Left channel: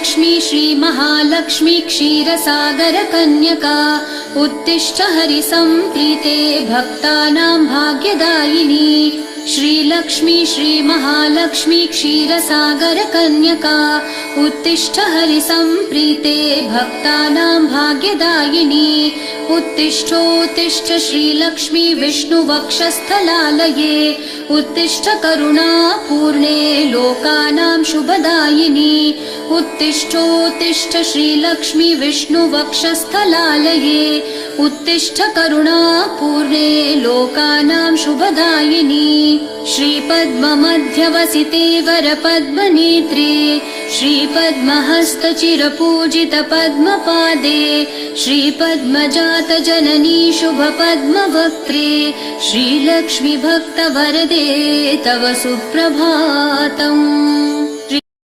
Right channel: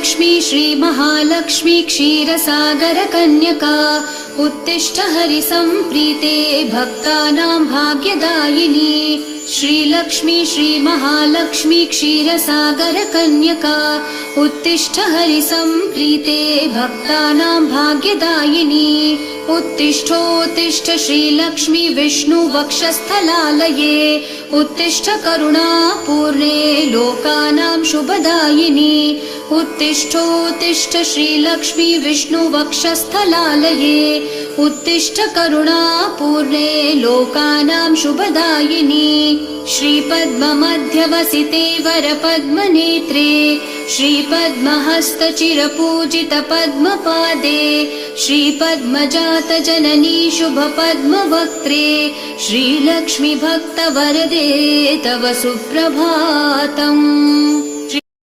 श्रीलक्ष्मी श्रीमहालक्ष्मी क्षीरसागरकन्यका उत्तिष्ठ हरिसम्प्रीते भक्तानां भाग्यदायिनी। श्रीलक्ष्मी श्रीमहालक्ष्मी क्षीरसागरकन्यका उत्तिष्ठ हरिसम्प्रीते भक्तानां भाग्यदायिनी। उत्तिष्ठोत्तिष्ठ श्रीलक्ष्मी विष्णुवक्षस्थलालये उत्तिष्ठ करुणापूर्णे लोकानां शुभदायिनी। उत्तिष्ठोत्तिष्ठ श्रीलक्ष्मी विष्णुवक्षस्थलालये उत्तिष्ठ करुणापूर्णे लोकानां शुभदायिनी। श्रीपद्ममध्यवसिते वरपद्मनेत्रे श्रीपद्महस्तचिरपूजित पद्मपादे श्रीपद्मजातजननी शुभपद्मवक्त्रे श्रीलक्ष्मी भक्तवरदे तव सुप्रभातम्।